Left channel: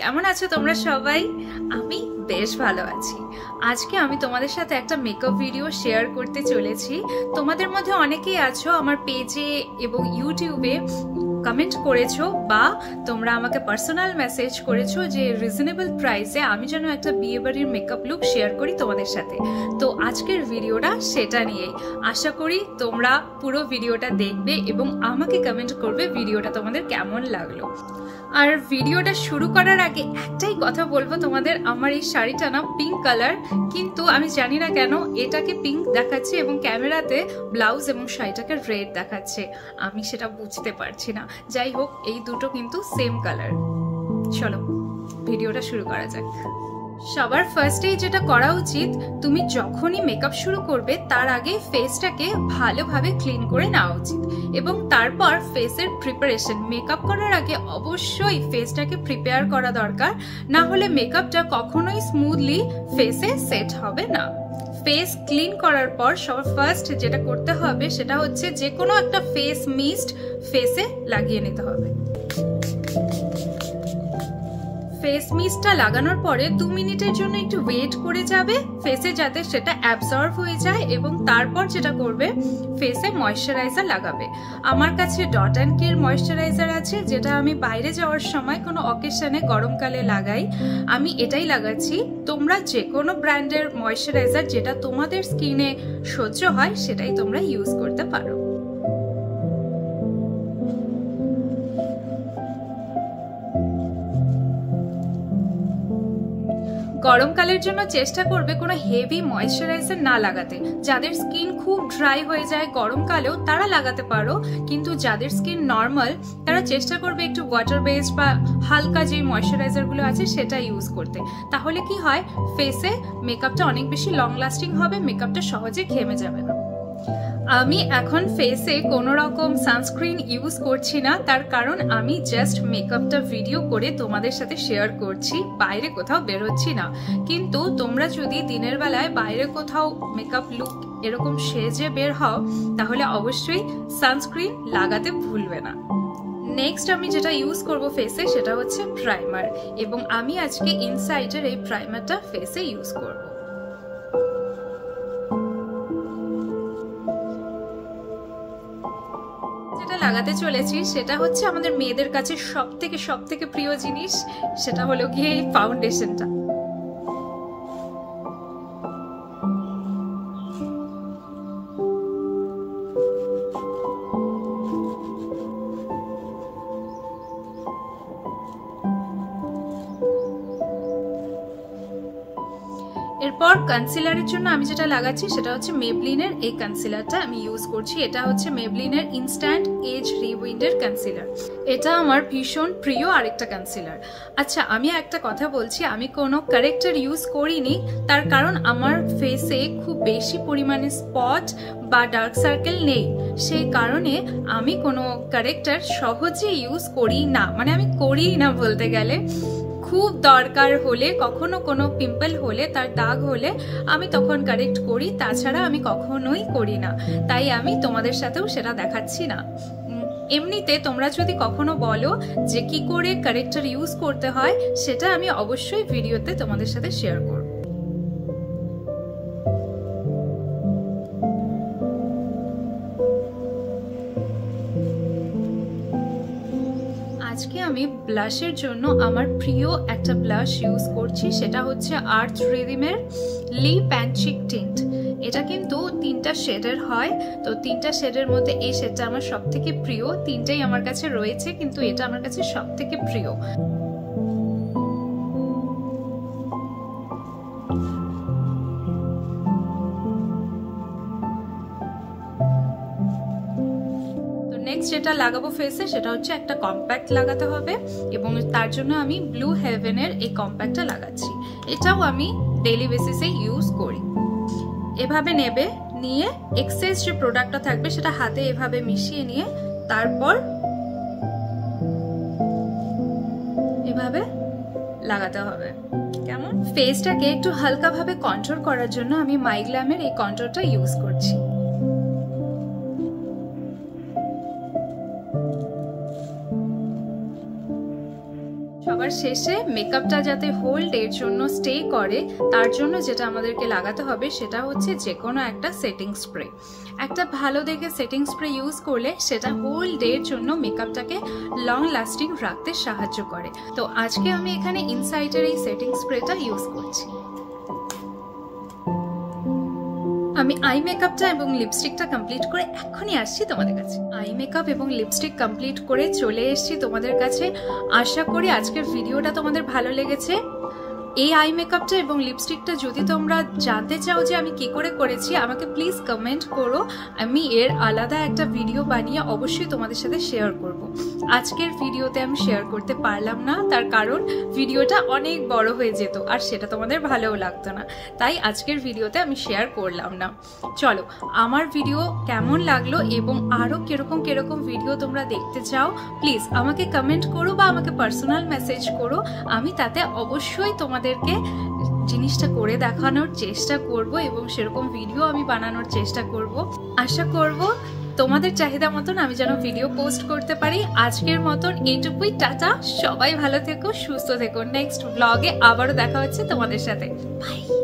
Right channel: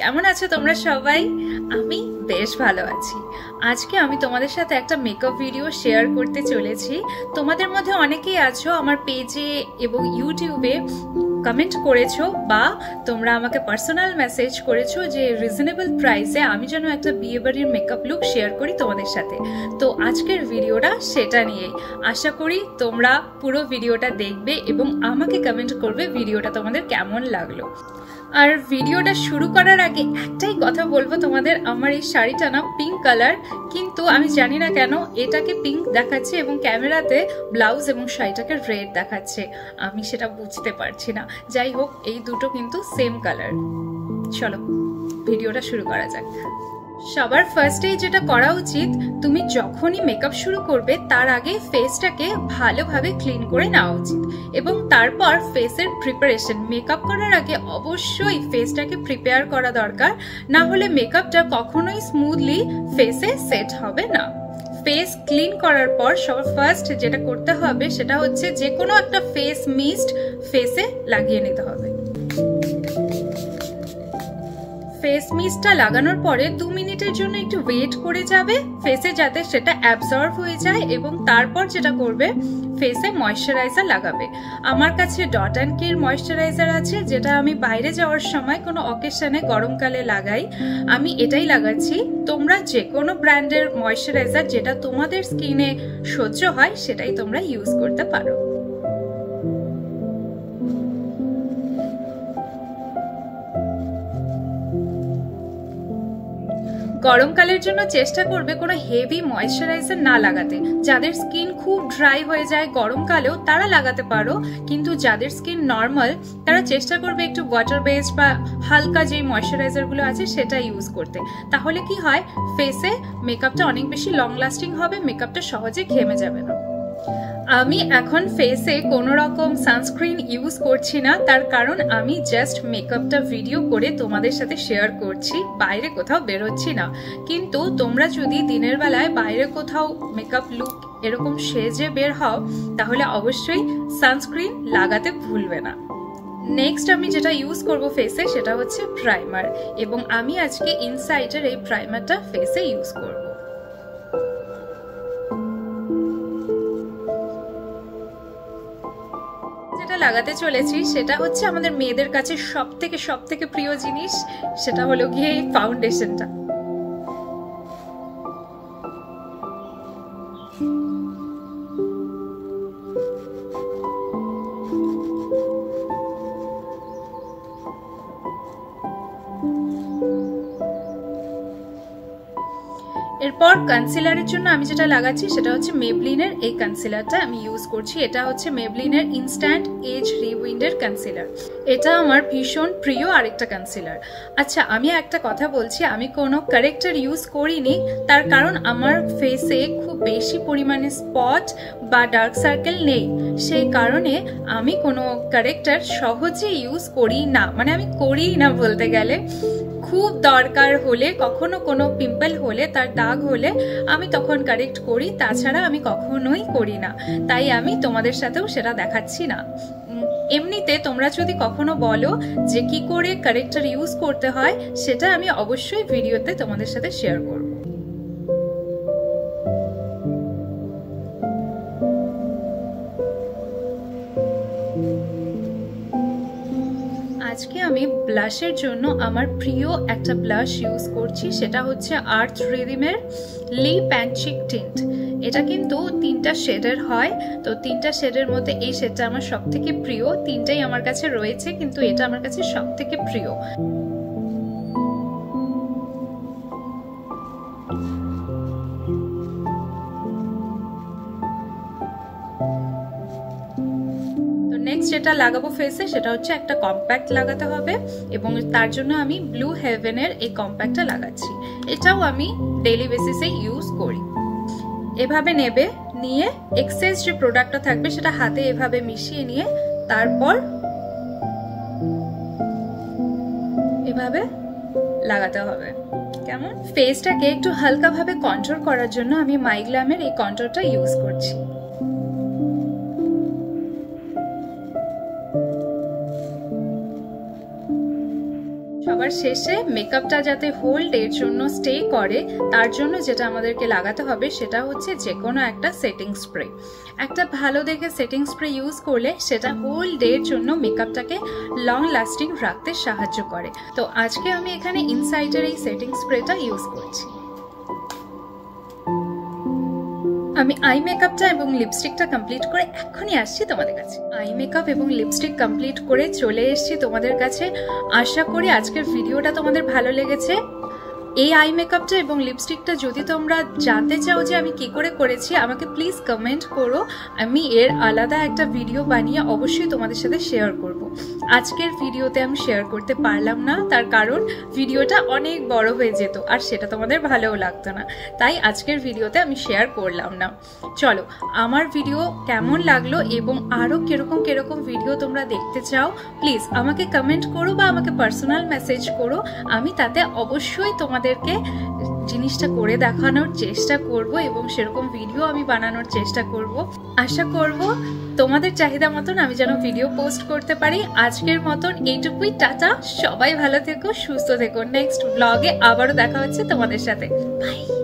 কেমন আছো তোমরা সবাই? আমি বেশ ভালো আছি। আজকে আমি তোমাদের সাথে একটা মেকআপ ভিডিও শেয়ার করতে চলেছি। তোমাদের মধ্যে অনেকেই আছো আমার পেজে এবং ইউটিউবে কমেন্ট করেছো বা তোমরা আমাকে পার্সোনাল মেসেজ করেছো যে রিজনেবল প্রাইসে আমি যেন একটা বিয়েবাড়ির মেকআপ লুক শেয়ার করি তোমাদের সাথে। তো আজকের ভিডিওটা সেটা নিয়েই। আশা করি তোমরা পুরো ভিডিওটা দেখবে এবং আমাকে কমেন্ট করবে ভিডিওটা তোমাদের কেমন লাগলো। আর ভিডিওটা শুরু করার আগে একটাই কথা বলবো তোমাদের, আমার এই শাড়িটা না পিঙ্ক কালার, কিন্তু আমি জানি না কেন এটাকে পিঙ্ক দেখাচ্ছে এবং ক্যামেরাতে ব্লাউজ এবং শাড়িটাকে রেড দেখাচ্ছে, আমি সেটা বুঝতে পারছি না। যাই হোক, এই দুটো কিন্তু সেম কালার। চলো ভিডিওটা শুরু করা যাক। সবার ফার্স্টেই যেটা করা উচিত, তুমি যখনই মেকআপ শুরু করবে তার আগে ফেসটাকে ভালোভাবে ক্লিন করে নেওয়া উচিত এবং তারপর ফেসের প্রিপারেশন। মেকআপ করার আগে অবশ্যই ফেসটাকে প্রিপেয়ার করা দরকার, না হলে মেকআপটা কখনোই স্মুথলি ফেসে সেট হবে না। ফেস ক্লিন করার পর সবার ফার্স্ট যেটা করতে হবে সেটা হচ্ছে যে কোনো একটা ফেস মিস্ট ফেসে লাগিয়ে নিতে হবে। ফেস মিস্টটা লাগানোর পরে 2 মিনিটের জন্য একটু ওয়েট করে যাবে ফেসে, যাতে সেটা অ্যাবজর্ব হয়ে যায় এবং তারপর যেটা করবে ফেসে ময়শ্চারাইজার লাগাবে। আমার কাছে ডট অ্যান্ড কির ময়শ্চারাইজার আছে, যেটা আমি বাইরে যাওয়ার সময় কোনো অকেশনে গরমকালে লাগাই। আমি এটাই লাগাচ্ছি। তোমরা যে কোনো ব্র্যান্ডের ময়শ্চারাইজার যেটা তোমাদের স্কিনে সহ্য হয় সেটাই তোমরা ইউজ করতে পারো। গরমকালের জন্য চেষ্টা করবে কোনো হেভি ময়শ্চারাইজার না লাগাতে। যাদের স্কিন খুব ড্রাই হয়ে যায় গরমকালেও তারা লাগাতে পারো, কিন্তু যাদের স্কিন নর্মাল তারা চেষ্টা করবে একটু ওয়াটার বেসড বা হালকা যে ময়শ্চারাইজারগুলো আছে সেটা ইউজ করতে। তাহলে কি হয়, ফেসে মেকআপটা অনেক বেশি লং লাস্টিং হবে, মেকআপটা সহজে ঘেমে যাবে না। আমি এখন ফেসে কোনো রকম সানস্ক্রিন ইউজ করছি না, তার কারণ আমি জাস্ট মেকআপটা ভিডিও করে তোমাদের সাথে শেয়ার করছি, বাইরে কোথাও বের হচ্ছি না। কিন্তু তোমরা যদি দিনের বেলায় বাইরে কোথাও মেকআপ লুক এরকম সেজে বের হও তাহলে অবশ্যই সানস্ক্রিন লাগাতে ভুলবে না। নেক্সট আমি যেটা ইউজ করব ফেসে সেটা হচ্ছে প্রাইমার, এবং আমি আজকে ইনসাইটের এই প্রাইমারটা ফেসে ইউজ করব। লাগাতে চলেছি সেটা হচ্ছে আমাদের মেয়েদের কাছে সব থেকে প্রিয় জিনিস, সেটা হলো গিয়ে ফাউন্ডেশনটা। এরপর কনসিলারের জন্য আমি যেটা লাগাচ্ছি সেটা হচ্ছে মেবলিনের এই কনসিলারটা আমি ইউজ করছি। এটা হচ্ছে মেবলিনের ইনস্ট্যান্ট এজ রিউইন্ডের কনসিলার। এটা আমার ভীষণ প্রিয় আরেকটা কনসিলার। আচ্ছা, আমি একটা কথা বলছি, আমি কোনো কারেক্টার ইউজ করিনি, তার কারণ আমার ফেসে খুব বেশি পরিমাণে স্পট বা ডার্ক সার্কেল নেই, সেই কারণে আমি কোনো কারেক্টার সহজে ইউজ করি না। মানে আমি করি না বলতে গেলে, খুব দরকার হলে, কখনো কোনো পিম্পল হলে, তার দাগ হলে আমি তখন কারেক্ট করি, তাছাড়া আমি কখনোই করি না। তাই আমি তোমাদের সাথেও সেটা দেখাচ্ছি না। এমনিতে তোমরা যদি কখনো বলো যে কি করে কারেক্টার ইউজ করতে হয়, সেটা আমি অবশ্যই ভিডিওতে তোমাদের সাথে শেয়ার করব। আজকে আমি ব্লাশের জন্য আমার প্রিয় একটা ব্লাশ ইউজ করছি, সেটা হচ্ছে আর্থ রিদিমের লিপ অ্যান্ড চিক টিন্ট। এটা কিন্তু 3টা শেডের হয়, তো 3টা শেডের মধ্যে এই শেডটা আমার সব থেকে প্রিয়। 3টাই আমার কাছে রয়েছে, কিন্তু এটা আমার কাছে সব থেকে প্রিয়। নেক্সট যেটা লাগাবো ফেসে সেটা হচ্ছে একটা কম্প্যাক্ট লাগাতে হবে, এবং তার জন্য আমি ব্লু হেভেনের এই কম্প্যাক্টটা লাগাচ্ছি। এটাও আমি ডেইলি বেসিসে ইউজ করি। এভাবে নেবে, নিয়ে এক্সেস যে প্রোডাক্টটা থাকবে সেটা হাতে এভাবে মিশিয়ে নিয়ে তারপর এভাবে লাগাতে হবে। কেমন? ফেসটাকে একটু হালকাভাবে কন্ট্রোল করার জন্য আমি মাইগ্ল্যামের এই কন্ট্রোলটা ইউজ করছি। সবার সবার শেষে মেকআপটা যাতে হোল ডের জন্য স্টে করে তার জন্য যেটা আমাদেরকে লাগাতে হবে সেটা হচ্ছে যে কোনো একটা সেটিং স্প্রে। একটা ভালো দেখে সেটিং স্প্রে ইউজ করলে সেটা হোল ডের জন্য মেকআপটাকে লং লাস্টিং রাখতে সাহায্য করে। তো আজকে আমি এখানে ইনসাইটের এই সেটিং স্প্রেটা ইউজ করছি। আমি আই মেকআপটা এবং লিপস্টিকটা কমপ্লিট করে এখনই আসছি তোমাদের কাছে। আই মেকআপ এবং লিপস্টিক কমপ্লিট করে চলে এসেছি তোমাদের কাছে। আশা করি আজকের ভিডিওটা তোমাদের ভালো লেগেছে। এই আই মেকআপটা এবং লিপস্টিকটা যদি তোমরা জানতে চাও যে আমি কি করে করেছি, আমাকে প্লিজ কমেন্ট করো, আমি এর আলাদা একটা ভিডিও বানিয়ে অবশ্যই তোমাদের সাথে শেয়ার করব। আজকের ভিডিওতে আমি শেয়ার করতে পারলাম না, তার কারণ ভিডিওটা অনেক বড় হয়ে যেত আর সেটা তোমাদের ভালোও লাগতো না, তাই আজকের ভিডিওতে আমি শেয়ার করলাম না। চলো, আমার ভিডিও কেমন লাগলো এবং আরও কিরকম ভিডিও তোমরা দেখতে চাও প্লিজ আমাকে কমেন্ট করো বা আমাকে পার্সোনাল মেসেজ করো। আমি তাতে অবশ্যই তোমাদেরকে জিনিসটা করে দেখানোর চেষ্টা করব এবং সেরকম ভিডিও আমি বানানোর চেষ্টা করব। আশা করব তোমাদের চাহিদা মতন আমি যেন ভিডিও পোস্ট করতে পারি। আজকের মতন এইটুকুই, টাটা, সবাই ভালো থেকো, সুস্থ থেকো। নেক্সট ব্লগে আবারও দেখা হচ্ছে তোমাদের সাথে। বাই।